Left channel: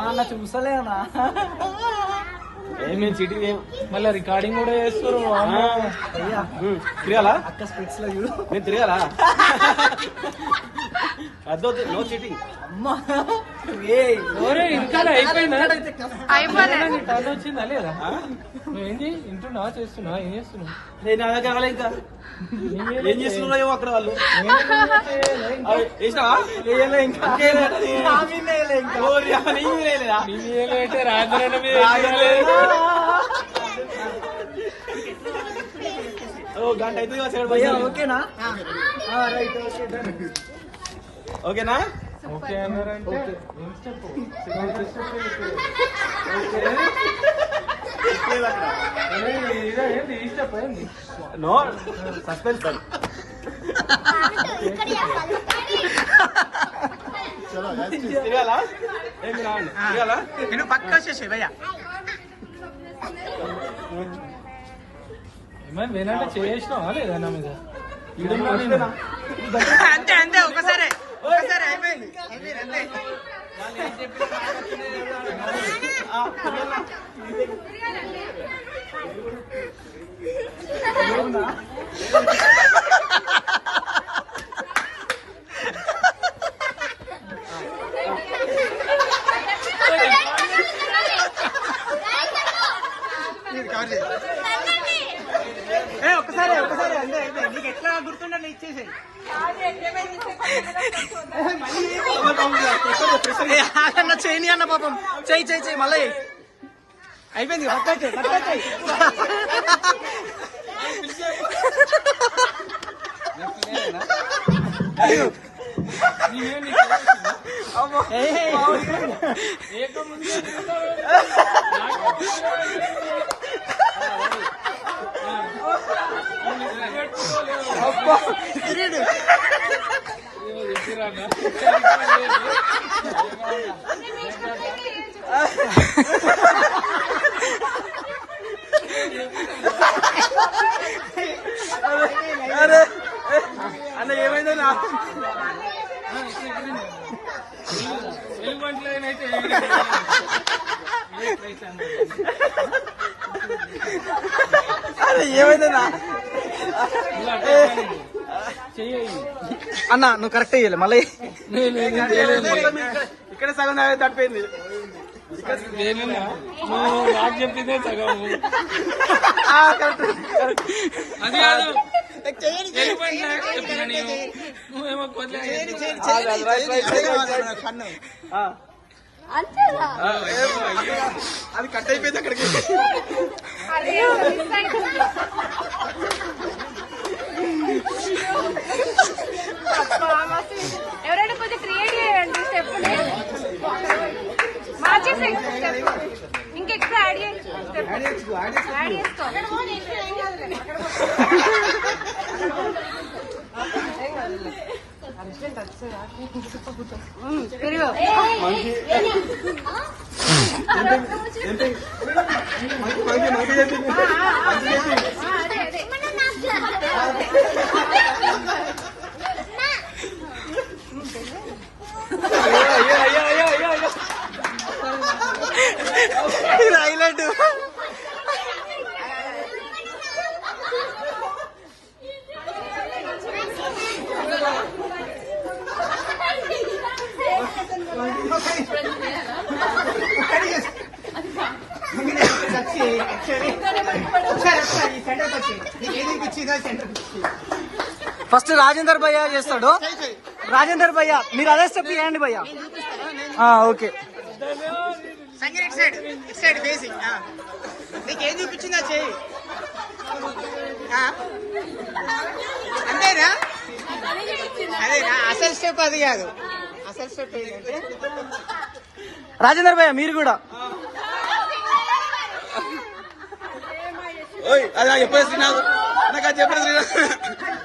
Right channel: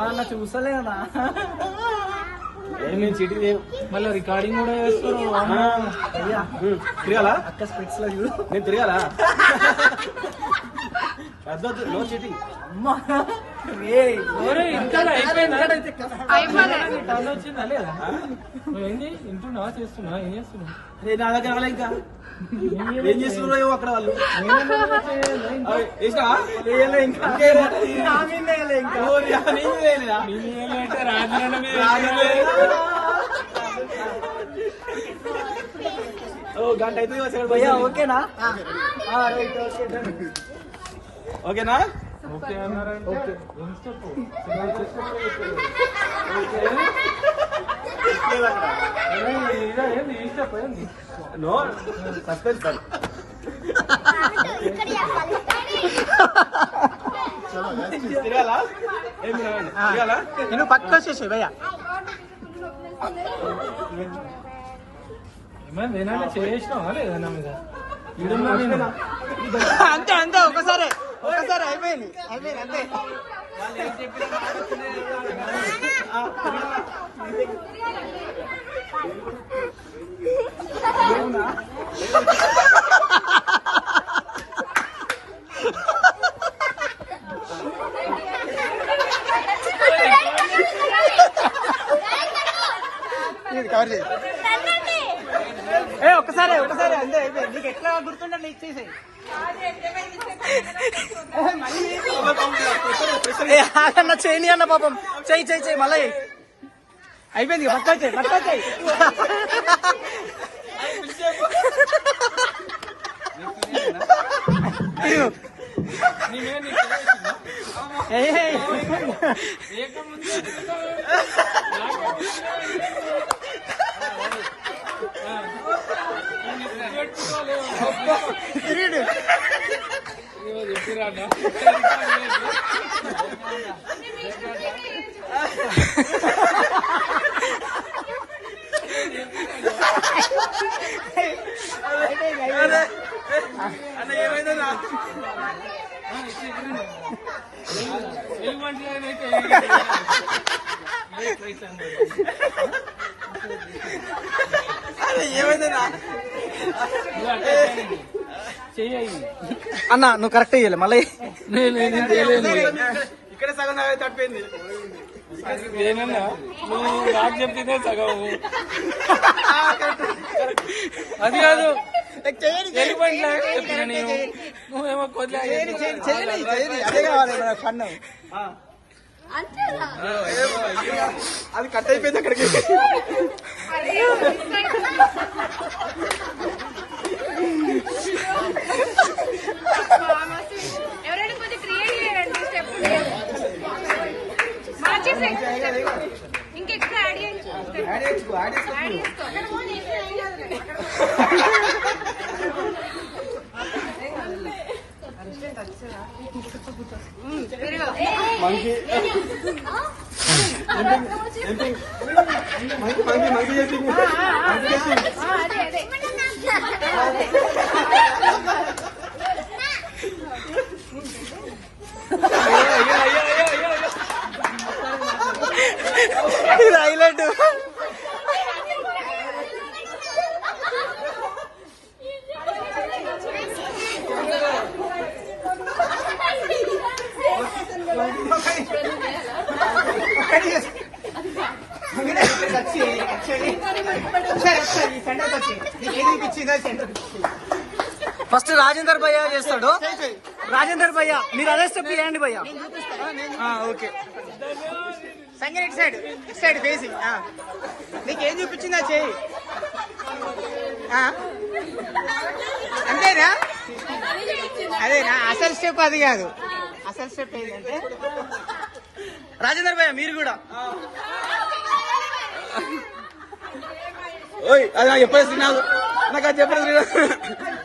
అన్న చూసలేనా చీటీ మళ్ళీ రికార్డింగ్ కూడా చేస్తారు తిరగాలా అక్క స్పెట్స్ లో చూడు నేను తిరగాలా అద్దొద్దు నో చీటింగ్ అమ్మా వచ్చిందా లేదా ఏంటి వింటున్నావా చేస్తున్నావా ఏం చేస్తున్నావు నేను నా దగ్గర రాలే ఇంకా ఏం చేస్తున్నావు అక్కడ వాళ్ళు గంట అయితే ఓకేనా ఓకేనా ఓకే అన్నారంటే నో సస్పెన్స్ తిరగాలా ఏమి రావండి తిరగాలా నేను పక్క వచ్చేసి భయ్యా ఏమైనా వేనాడ చేసినావా లేదా నా మీద అంతే అంతే ఒకసారి అయిపోయింది ఒకసారి నీకు ఎట్లా గుర్తుండే ఇచ్చేసి చేయని అన్న పాపం చెయ్యి మళ్ళీ అయిపోయింది అన్న ఏమైందన్నా అన్న నువ్వు కరెక్ట్ అయ్యాలి మళ్ళీ ఇక్కడ సగం తప్పింది ఏనన్నా నువ్వు నాకు చెప్తే సగం అది కాదు వెళ్ళిపోయినా చెప్పిన నేను నువ్వేమో కొద్దిగా అది కట్ అయిపోయింది అక్కడికి ఎవరైనా కొంచెం క్రియేట్ చేయండి ఇంకెక్కువ యాడ్ ఇది హైలైట్ ఫస్ట్ రాజేందర్ భయ్య చేస్తాడు. రాజేందర్ భయ్య మీరు అదే స్టెప్ చేయండి భయ్య. ఓకే సంగర్ ఇటు సైడ్ బేసిక్ నీకు ఏది ఇప్పించిందా చెయ్యి అంతేనా అదేనా అసలు స్టెప్ అది కాదు. అసలు స్టెప్ ఏంటంటే రాజేందర్ భయ్య మీరు కూడా చెప్పేసి నాకు చెప్పేసి